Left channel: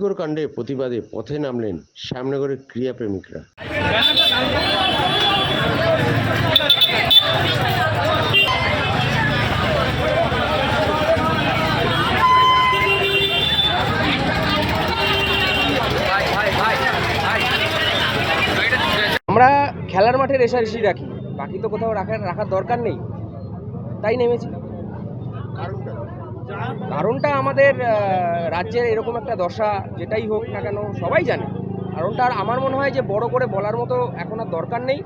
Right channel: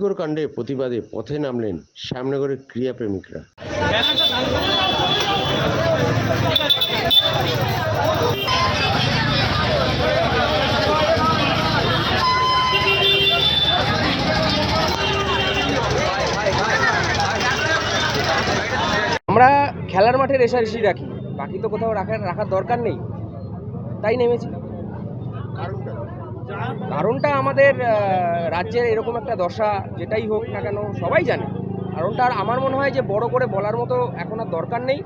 আরজিকর কাণ্ডে প্রতিবাদে পথে নামলেন শ্যামনগরের ক্রীড়াপ্রেমিকরা। আমরা খেলার মাঠে রেশারেশি রাখি বাকি তো কোথাও রাখার রাখার দরকার নেই। তাই নেমেছি কারণটা আমাদের আহ, রাজ্যের এরকম একটা দশা যেটাই হোক না কেন সবাই জানে। কারণটা আর আমার মনে হয় যে বড় করে বলার মতো এখন আর দরকার নেই।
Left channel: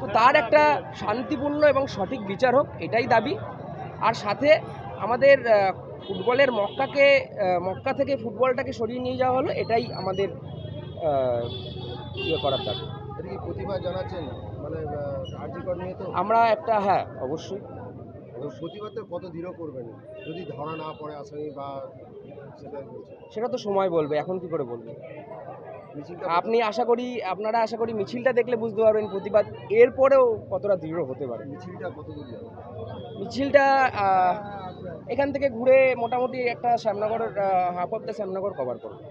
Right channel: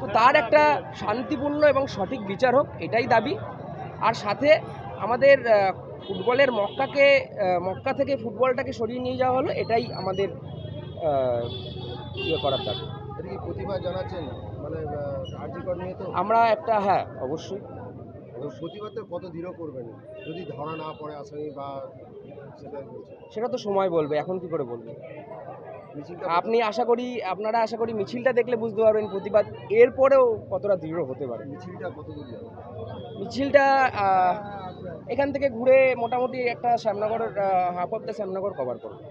তো তার একটা শান্তিপূর্ণ এবং সঠিক বিচার হোক এটাই দাবি। আর সাথে আমাদের ফুটবলের মক্কাকে মক্কা থেকে ফুটবলটাকে সরিয়ে নিয়ে যাওয়া হলো এটাই আমাদের ইয়ে করার দাবি। প্রতিবাদ জানাচ্ছেন? মানে আমরা একটা হ্যাঁ অবশ্যই। তো প্রতিবাদটা কত দৃঢ় করবেন? যদি ধরা না পড়ে আসামি বা সেটা বলছে সেটা তো সময় বলবে এখন কি করে বলবে? আপনি আশা করি আপনারা আশা করি মিছিলটা দেখলে বুঝতে পারবেন প্রতিবাদ এরপরেও কতটা দৃঢ় হতে পারে। মিছিলটা কত দূর মিছিলটা এখান থেকে ঘুরে মোটামুটি একটা Shyamnagar half of the Shyamnagar cover করবে।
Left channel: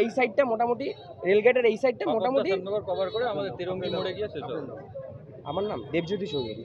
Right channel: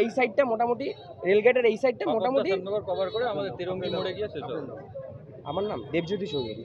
এই সাইডটা মোটামুটি রেলগেটের এই সাইডটা মোটামুটি কভার করে আমাদের তিরঙ্গি মোড়ে গিয়ে শেষ হবে। আমার নাম দেবজ্যোতি চৌধুরী।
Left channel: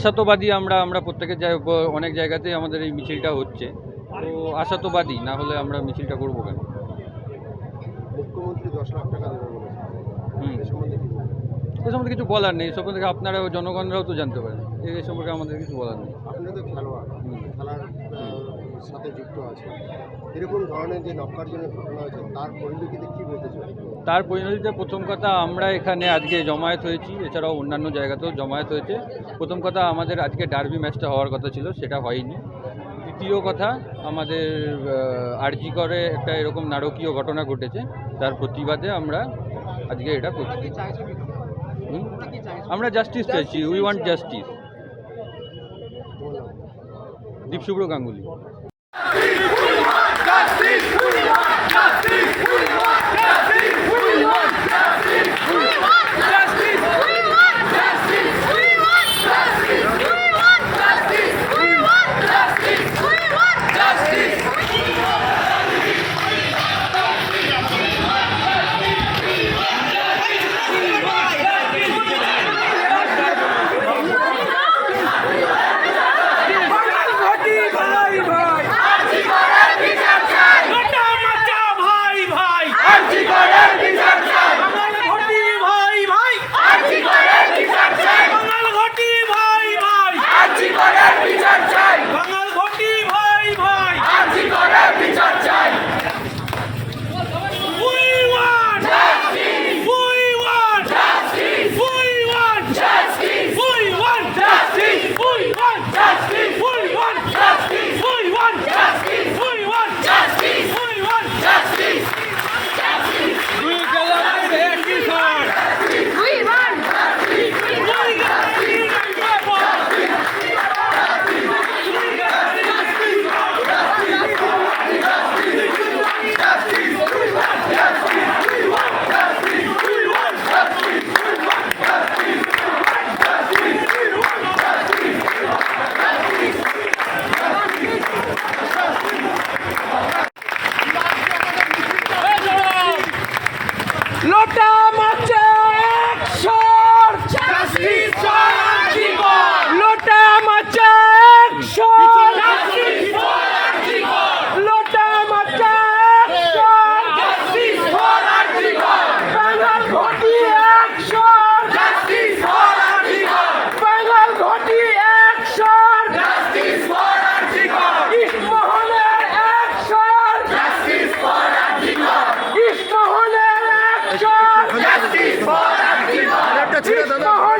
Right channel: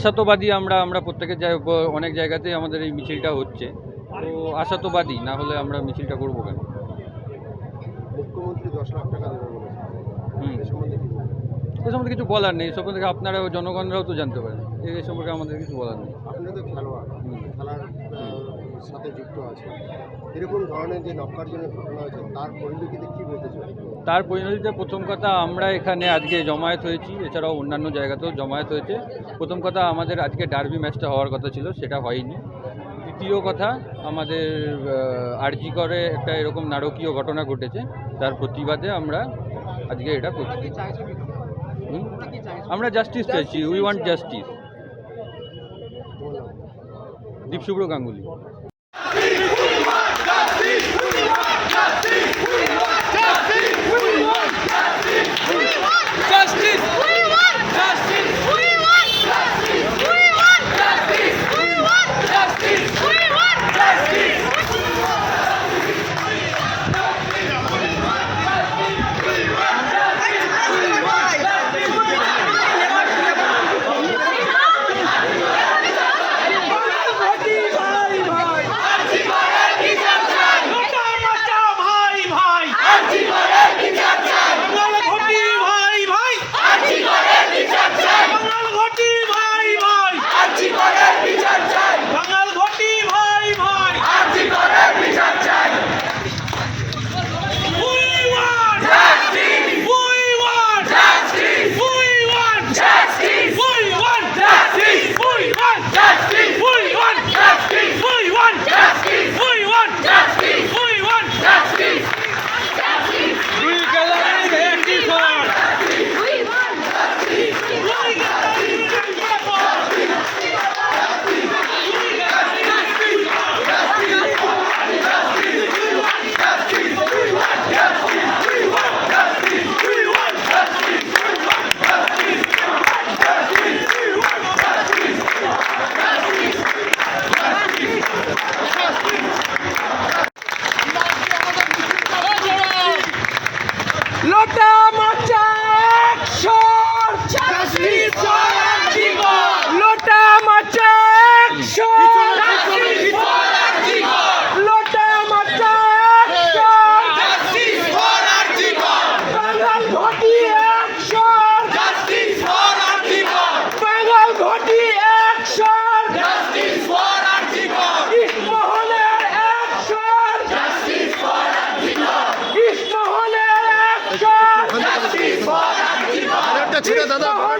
আশাতবাদী আমরা আমরা প্রত্যেকের জায়গায় অনেক জায়গাতেই আমাদের এই মিছিলটা হচ্ছে। তো আশাতবাদী না হলে আমরা মিছিলটা করব কেন? মুখ্যমন্ত্রী দশ লাখ টাকা হুম। এ সম্বন্ধে এ সম্বন্ধে কিছু বলার নেই। এ সম্বন্ধে আপনারা জনগণরাও তো জানতে পারেন। এই সম্পর্কে আমাদের কিছু বলার নেই। আপনি তো খেলোয়াড় খেলার সাথে যুক্ত আছে এরকম ধরনের যে নক্কারজনের ঘটনা হয়েছে তার পরিপ্রেক্ষিতে কি বলতে তার পরিণতিতে প্রথম কথা আমরা এখানে আজকে জমায়েত হয়েছি। এছাড়াও অন্যান্য জায়গাতেও জমায়েত হয়েছে। প্রথম কথা আমাদের আজকে ডার্বি ম্যাচটা হওয়ার কথা ছিল সেটা হয়নি। দ্বিতীয় কথা আমাদের আরজি করে একটা এরকম নারকীয় ঘটনা ঘটেছে। তার প্রতিবাদে আমরা আজকে এটা করছি? আমরা জাস্টিস চাইছি। We want justice Dipshubhra Ganguly. লোটা মাচা। 等等，好